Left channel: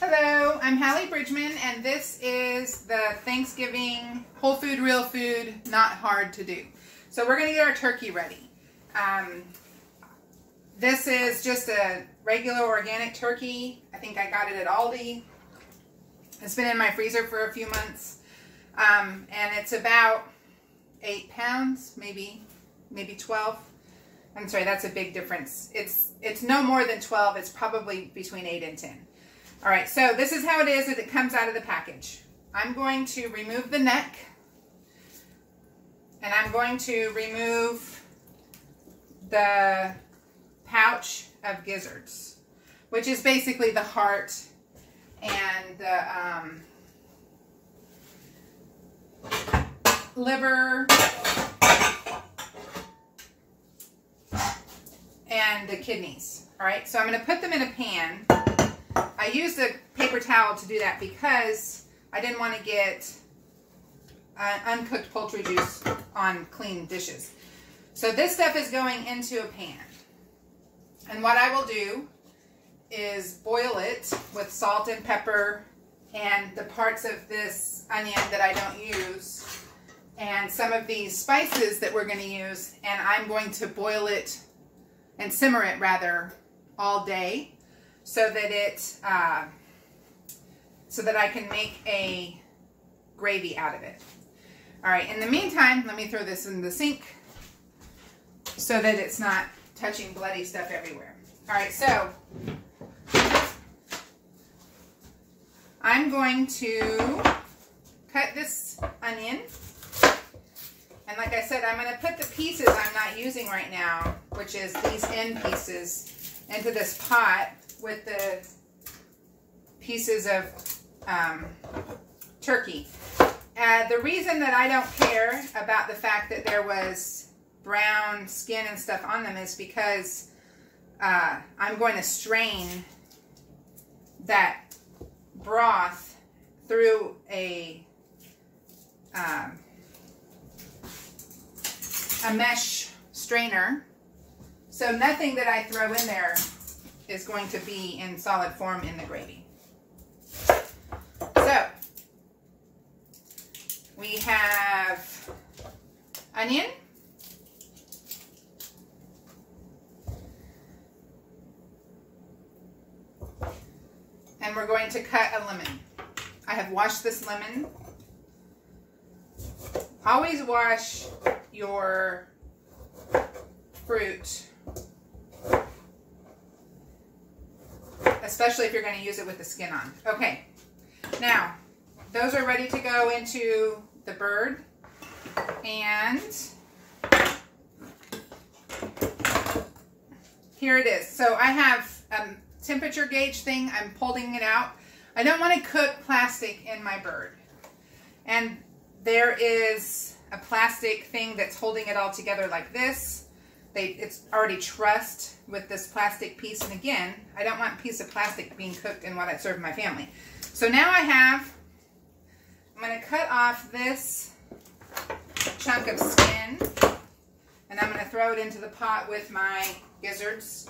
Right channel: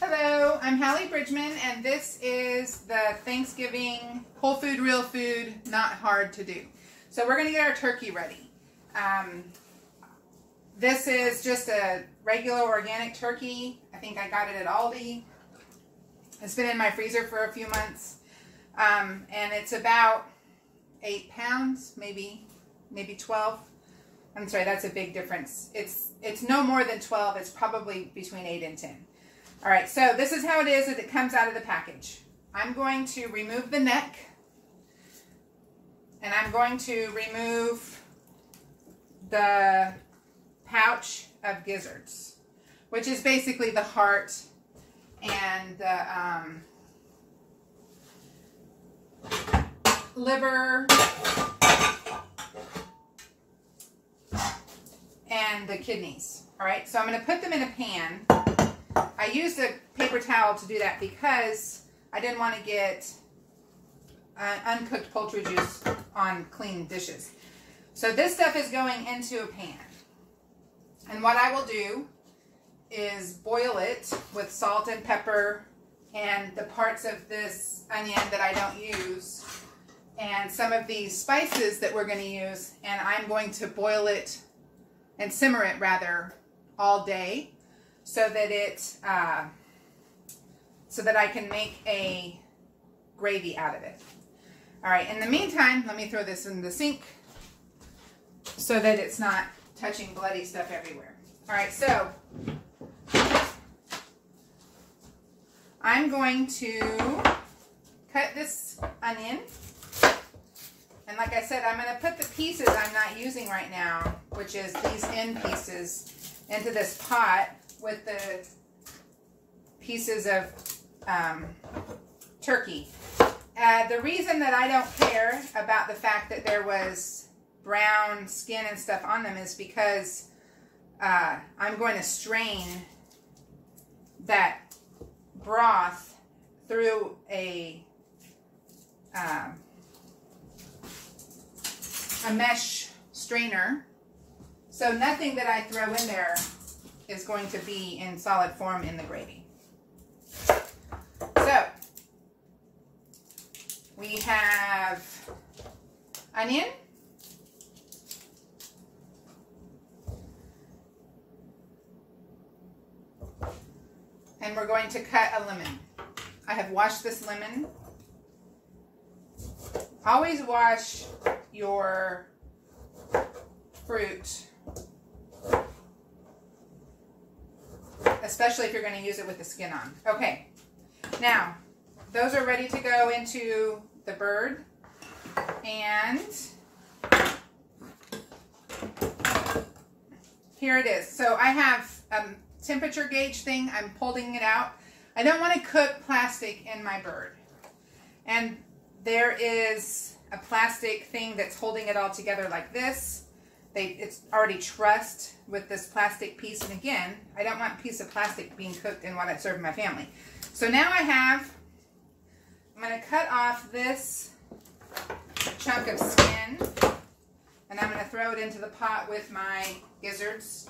Hello, I'm Hallee Bridgeman, and this is the Thanksgiving whole food, real food, not hard to do. So we're going to get our turkey ready. This is just a regular organic turkey. I think I got it at Aldi. It's been in my freezer for a few months, and it's about 8 pounds, maybe 12. I'm sorry, that's a big difference. It's no more than 12. It's probably between 8 and 10. All right, so this is how it is as it comes out of the package. I'm going to remove the neck, and I'm going to remove the pouch of gizzards, which is basically the heart and the liver and the kidneys. All right, so I'm going to put them in a pan. I used a paper towel to do that because I didn't want to get uncooked poultry juice on clean dishes. So this stuff is going into a pan. And what I will do is boil it with salt and pepper and the parts of this onion that I don't use and some of these spices that we're going to use, and I'm going to boil it and simmer it rather all day so that so that I can make a gravy out of it. All right, in the meantime, let me throw this in the sink so that it's not touching bloody stuff everywhere. All right, so I'm going to cut this onion. And like I said, I'm going to put the pieces I'm not using right now, which is these end pieces, into this pot with the pieces of turkey. The reason that I don't care about the fact that there was brown skin and stuff on them is because I'm going to strain that broth through a mesh strainer, so nothing that I throw in there is going to be in solid form in the gravy. So we have onion, and we're going to cut a lemon. I have washed this lemon. Always wash your fruit, especially if you're going to use it with the skin on. Okay, now those are ready to go into the bird, and here it is. So I have a temperature gauge thing. I'm pulling it out. I don't want to cook plastic in my bird, and there is a plastic thing that's holding it all together like this. It's already trussed with this plastic piece, and again, I don't want a piece of plastic being cooked in what I serve my family. So now I'm going to cut off this chunk of skin, and I'm going to throw it into the pot with my gizzards.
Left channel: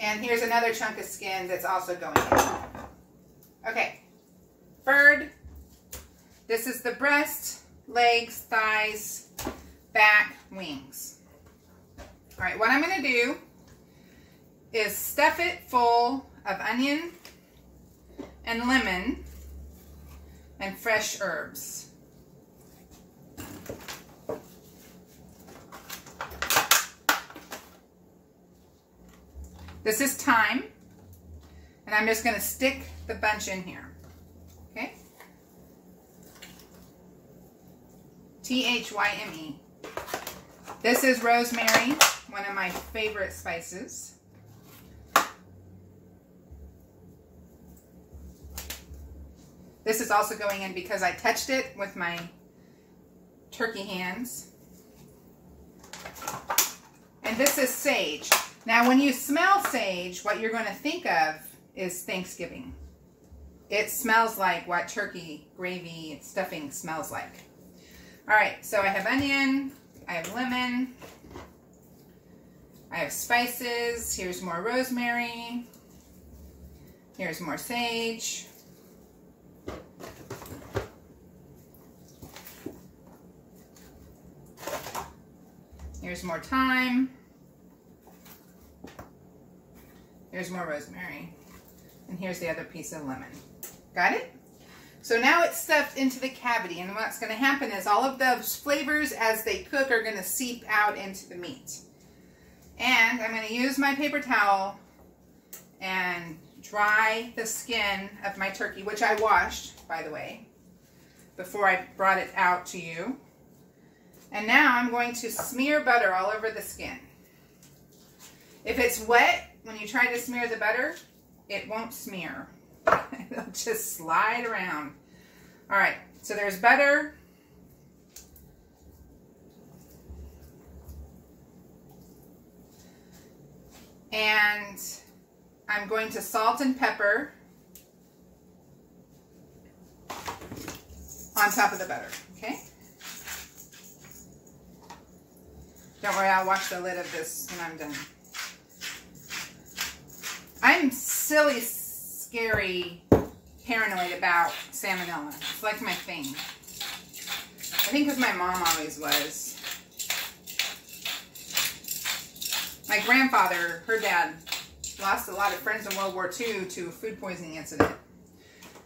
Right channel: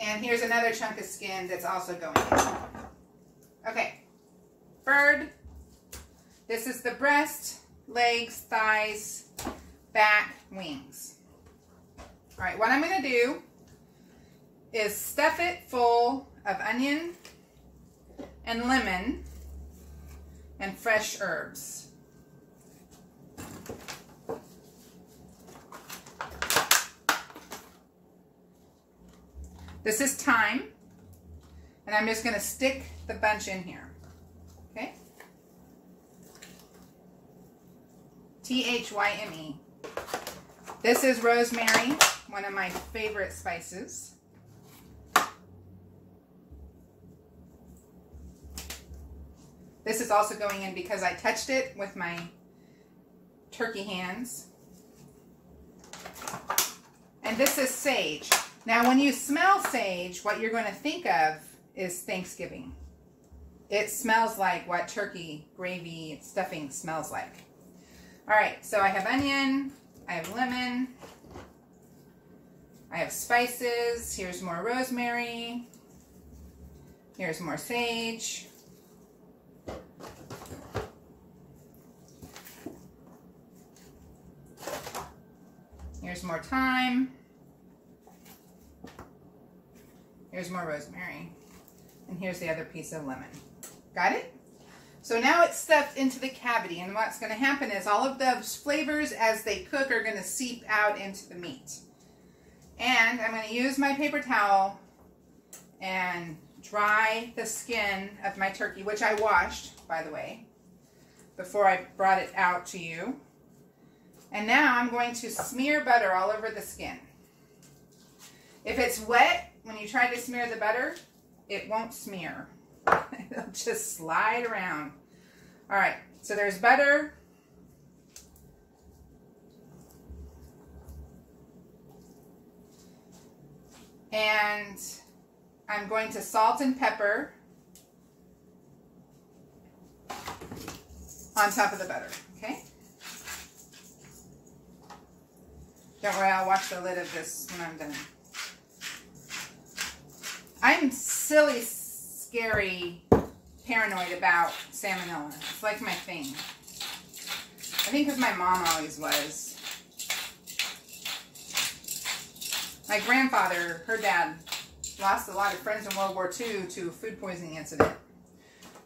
And here's another chunk of skin that's also going in. Okay, bird. This is the breast, legs, thighs, back, wings. All right, what I'm going to do is stuff it full of onion and lemon and fresh herbs. This is thyme, and I'm just going to stick the bunch in here. Okay? T-H-Y-M-E. This is rosemary, one of my favorite spices. This is also going in because I touched it with my turkey hands. And this is sage. Now, when you smell sage, what you're going to think of is Thanksgiving. It smells like what turkey gravy stuffing smells like. All right, so I have onion, I have lemon, I have spices. Here's more rosemary. Here's more sage. Here's more thyme. Here's more rosemary. And here's the other piece of lemon. Got it? So now it's stuffed into the cavity, and what's going to happen is all of those flavors as they cook are going to seep out into the meat. And I'm going to use my paper towel and dry the skin of my turkey, which I washed, by the way, before I brought it out to you. And now I'm going to smear butter all over the skin. If it's wet, when you try to smear the butter, it won't smear. It'll just slide around. All right, so there's butter. And I'm going to salt and pepper on top of the butter, okay? Don't worry, I'll wash the lid of this when I'm done. I'm silly, scary, paranoid about salmonella. It's like my thing. I think because my mom always was. My grandfather, her dad, lost a lot of friends in World War II to a food poisoning incident.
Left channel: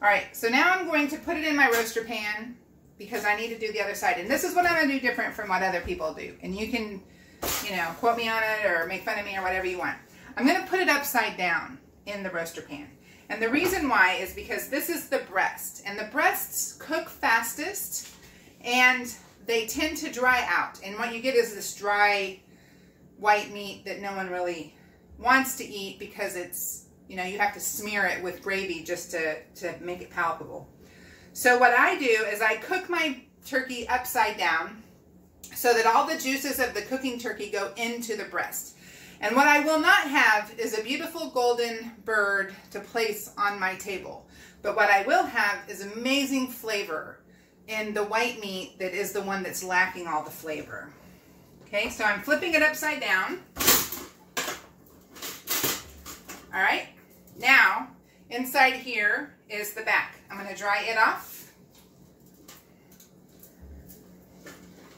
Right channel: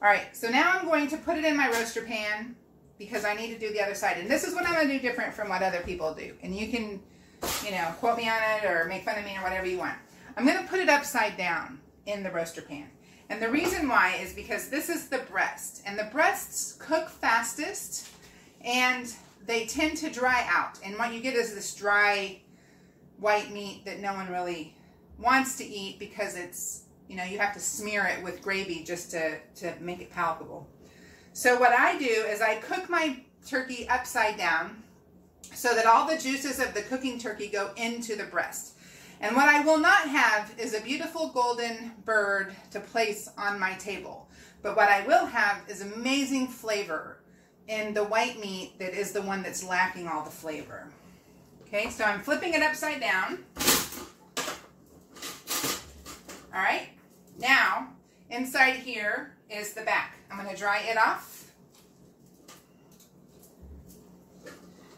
All right, so now I'm going to put it in my roaster pan because I need to do the other side. And this is what I'm going to do different from what other people do. And you can, you know, quote me on it or make fun of me or whatever you want. I'm going to put it upside down in the roaster pan. And the reason why is because this is the breast. And the breasts cook fastest and they tend to dry out. And what you get is this dry white meat that no one really wants to eat because it's, you know, you have to smear it with gravy just to make it palatable. So what I do is I cook my turkey upside down so that all the juices of the cooking turkey go into the breast. And what I will not have is a beautiful golden bird to place on my table. But what I will have is amazing flavor in the white meat that is the one that's lacking all the flavor. Okay, so I'm flipping it upside down. All right, now inside here is the back. I'm going to dry it off.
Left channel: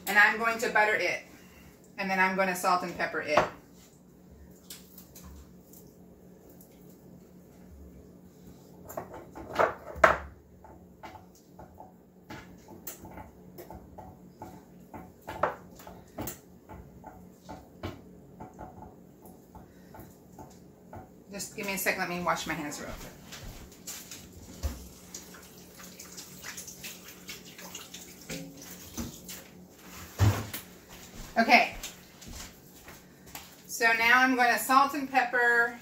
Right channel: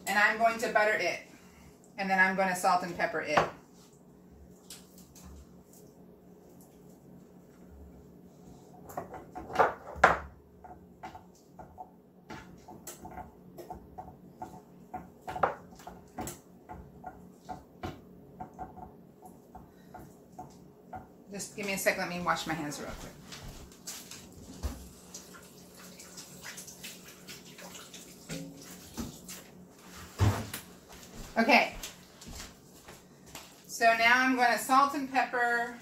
And I'm going to butter it. And then I'm going to salt and pepper it. Just give me a second, let me wash my hands real quick. Okay, so now I'm going to salt and pepper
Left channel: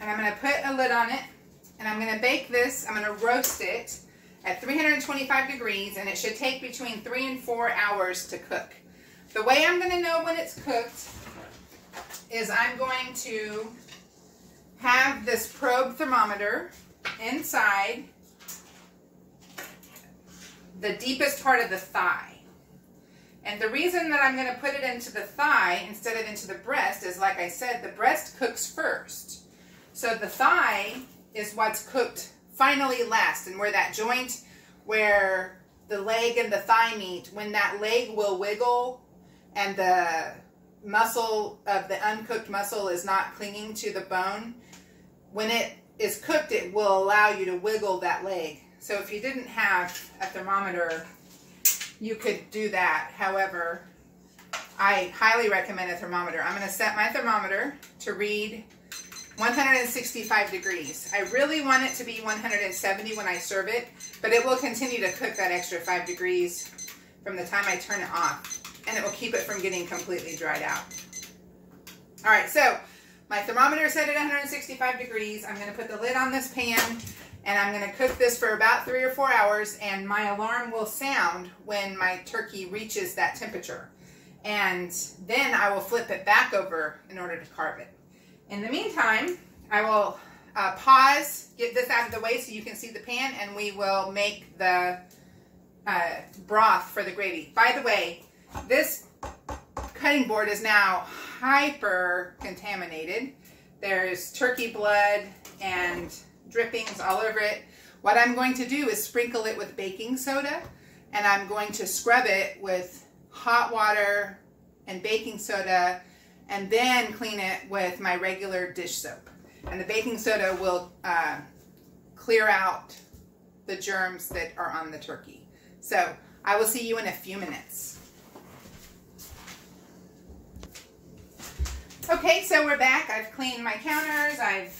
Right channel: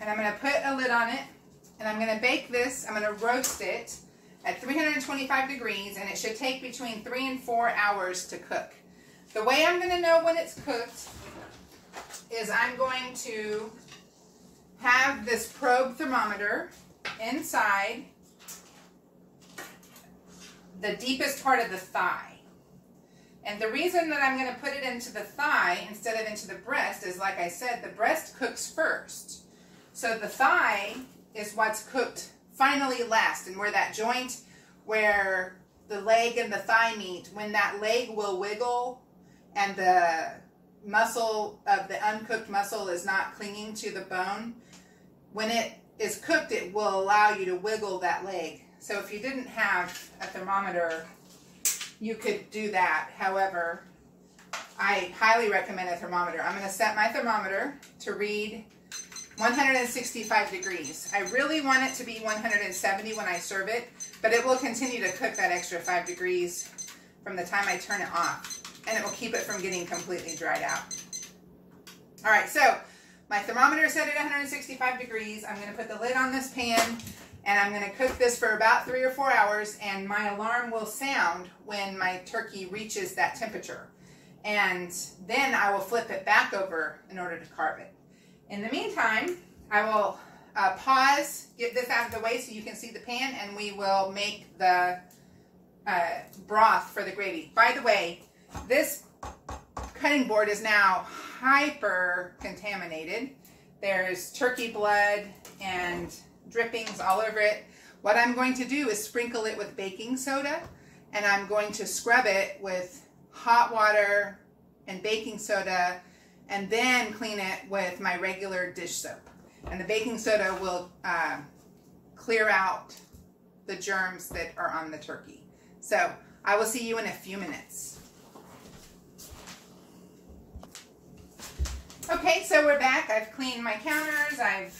and I'm going to put a lid on it, and I'm going to bake this. I'm going to roast it at 325 degrees, and it should take between 3 and 4 hours to cook. The way I'm going to know when it's cooked is I'm going to have this probe thermometer inside the deepest part of the thigh. And the reason that I'm going to put it into the thigh instead of into the breast is, like I said, the breast cooks first. So the thigh is what's cooked finally last, and where that joint where the leg and the thigh meet, when that leg will wiggle and the muscle of the uncooked muscle is not clinging to the bone, when it is cooked, it will allow you to wiggle that leg. So if you didn't have a thermometer, you could do that. However, I highly recommend a thermometer. I'm going to set my thermometer to read 165 degrees. I really want it to be 170 when I serve it, but it will continue to cook that extra 5 degrees from the time I turn it off, and it will keep it from getting completely dried out. All right, so my thermometer is set at 165 degrees. I'm going to put the lid on this pan, and I'm going to cook this for about 3 or 4 hours, and my alarm will sound when my turkey reaches that temperature. and then I will flip it back over in order to carve it. In the meantime, I will pause, get this out of the way so you can see the pan, and we will make the broth for the gravy. By the way, this cutting board is now hyper contaminated. There's turkey blood and drippings all over it. What I'm going to do is sprinkle it with baking soda, and I'm going to scrub it with hot water and baking soda, and then clean it with my regular dish soap. And the baking soda will clear out the germs that are on the turkey. So I will see you in a few minutes. Okay, so we're back. I've cleaned my counters, I've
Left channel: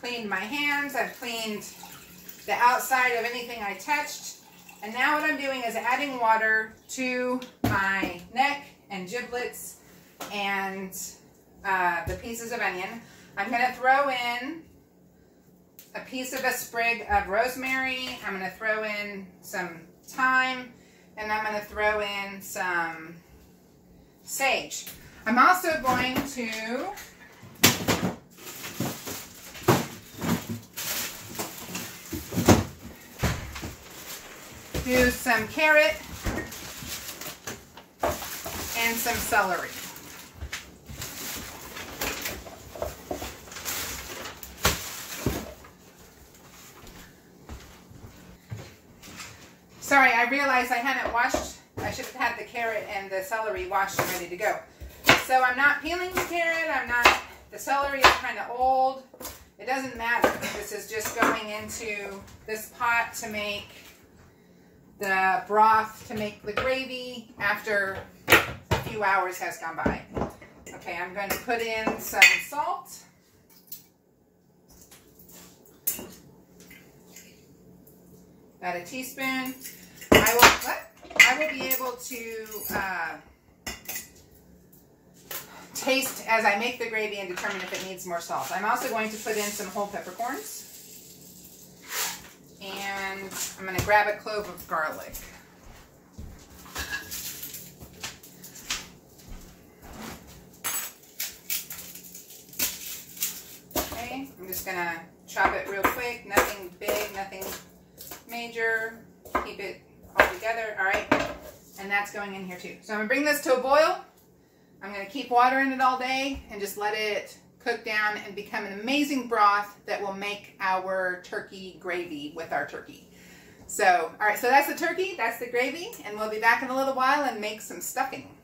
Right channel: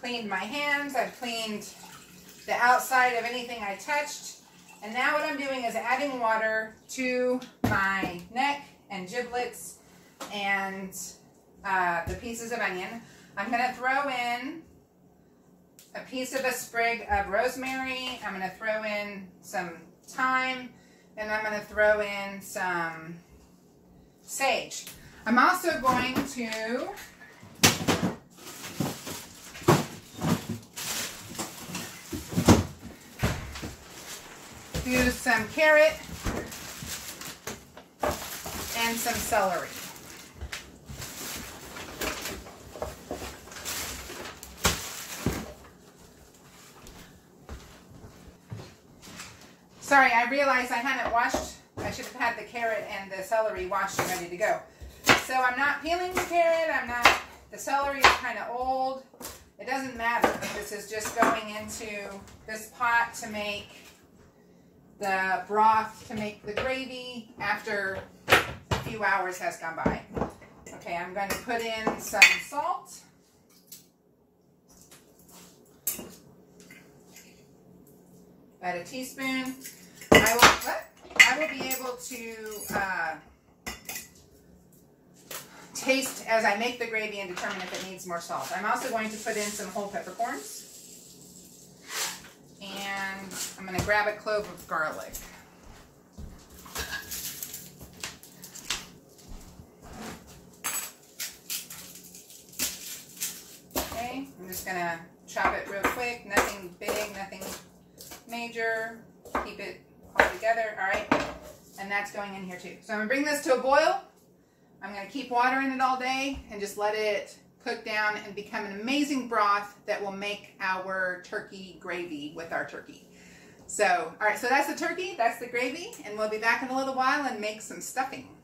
cleaned my hands, I've cleaned the outside of anything I touched. And now what I'm doing is adding water to my neck and giblets and the pieces of onion. I'm going to throw in a piece of a sprig of rosemary. I'm going to throw in some thyme, and I'm going to throw in some sage. I'm also going to do some carrot and some celery. Sorry, I realized I hadn't washed. I should have had the carrot and the celery washed and ready to go. So I'm not peeling the carrot. The celery is kind of old. It doesn't matter. This is just going into this pot to make the broth, to make the gravy after a few hours has gone by. Okay, I'm going to put in some salt. About a teaspoon. I will be able to taste as I make the gravy and determine if it needs more salt. I'm also going to put in some whole peppercorns. And I'm going to grab a clove of garlic. Okay, I'm just going to chop it real quick. Nothing big, nothing major. Keep it all together. All right, and that's going in here too. So I'm going to bring this to a boil. I'm going to keep water in it all day and just let it cook down and become an amazing broth that will make our turkey gravy with our turkey. So, all right, so that's the turkey, that's the gravy, and we'll be back in a little while and make some stuffing.